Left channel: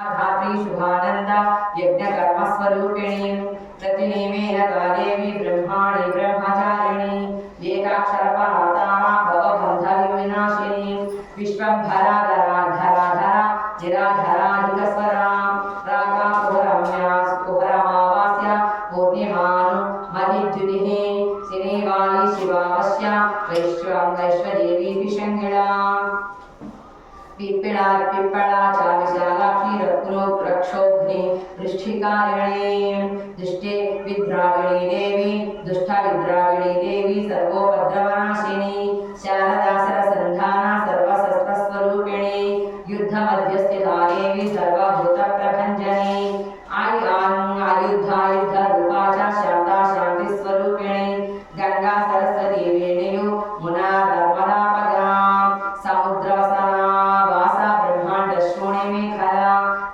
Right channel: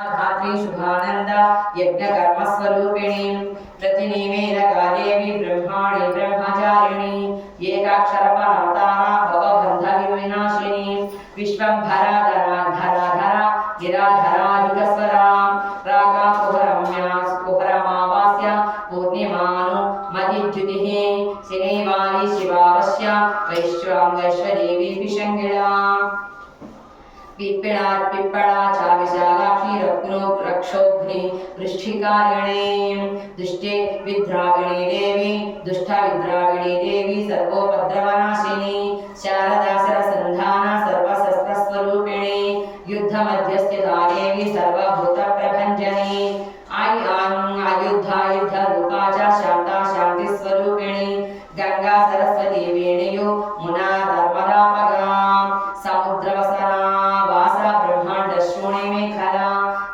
धात्री शुभानंद यज्ञकर्मस्वरूपिणी प्रतिनेमेन कालेवि ब्रह्माणि ब्रह्मचारिणी एकाक्षरपरातारा भवबन्धविनाशिनी विश्वंभरा धराधरा निराधराधिकस्वरा रागा कुहरम्या कुहरमावास्य पूर्णिमानु मदिद्युतिः सिनेवाली शिवावश्य वैश्वदेवी विशङ्गिला पिप्पळा च विशालाक्षी रत्नो रक्षोघ्नि वृष्टिकारिणी दुष्टे विद्राविणी देवी दुष्टविद्राविणी देवी सर्वोपद्रवनाशिनी शारदा सरसन्धाना सर्वशस्त्रस्वरूपिणी युद्धमध्यस्थिता देवी सर्वभूतप्र